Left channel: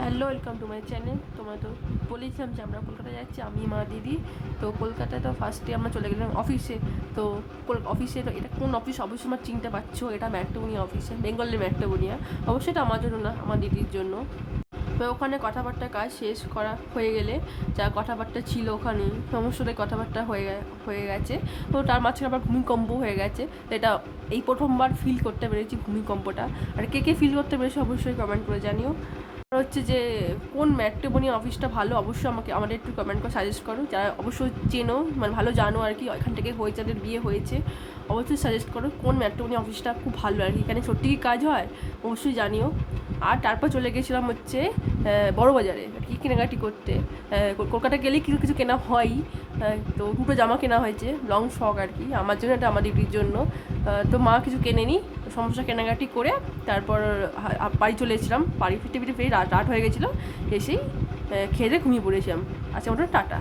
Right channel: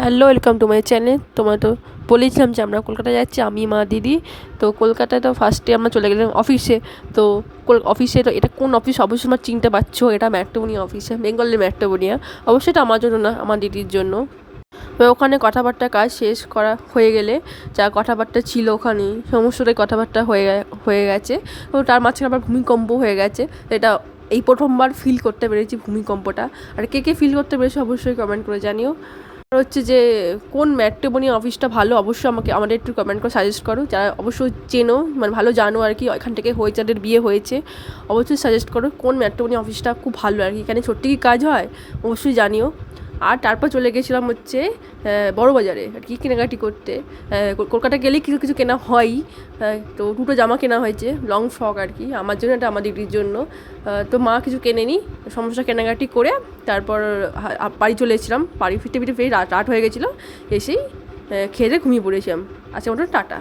Hello, welcome to my channel. তোমার তো বলেছিলাম যে আমরা কলকাতায় যাচ্ছি, আমি, মা, দিদি। তো কলকাতায় তো ফার্স্টে আমরা চলে গেলাম অফিসে। তো অফিসে তো এটা কোন অফিস অবশ্যই তোমরা চিনতে পারছো, এটা ম্যাট্রিমোনিয়া অফিসে, বেঙ্গলের ম্যাট্রিমোনিয়া। অবশ্যই এটা আমার জন্য না, আমার দিদির জন্য। তো ওখানে কথাবার্তা কাজ শেষ করা হয়ে গেলে যা কথাবার্তা ছিল ওখানে সমস্তটাই কথাবার্তা হয়ে গেছে। তো তার মাঝখানে আবার ভূমিকম্প হয়ে গেছে। এটা এই প্রথমবার ফিল করতে পেরেছি ভূমিকম্পটা। আর কে কে ফিল করতে পেরেছে অবশ্যই কমেন্ট করে জানিও। আর হচ্ছে যে কোন ম্যাট্রিমোনি অফিসটা ভালো, অবশ্যই আমাদের একটু কমেন্ট করে সাজেস্ট করো, যারা অবশ্যই চেনো, মানে ভালো জানো আর কি, এখান থেকে হয়ে যাদের বিয়ে হয়েছে। অবশ্যই সাজেস্ট করো কোন ম্যাট্রিমোনি অফিসটা খুব ভালো আর কি, এখানে সত্যি কি কাজ হয় অবশ্যই জানিও। আর তারপর চলে গেছিলাম হচ্ছে বড়বাজারে আর কি কেনাকাটি করতে। কলকাতা গেলেই কিছু কিছু কেনা হয়ই। তো দুটো জামা কেনা হয়েছে, লং ফ্রক আর কি, আমার জন্য, এটা আমার দিদির জন্য। তো মা কিছু কেনেনি, সমস্ত কেনাকাটি করে তারপর বাড়ি চলে এসেছিলাম। বাড়ি ফিরতে ফিরতে রাত রাত হয়ে গেছিলো। এসেই খেয়ে দিয়ে ঘুমিয়ে পড়েছিলাম। আচ্ছা, ওটা টাটা।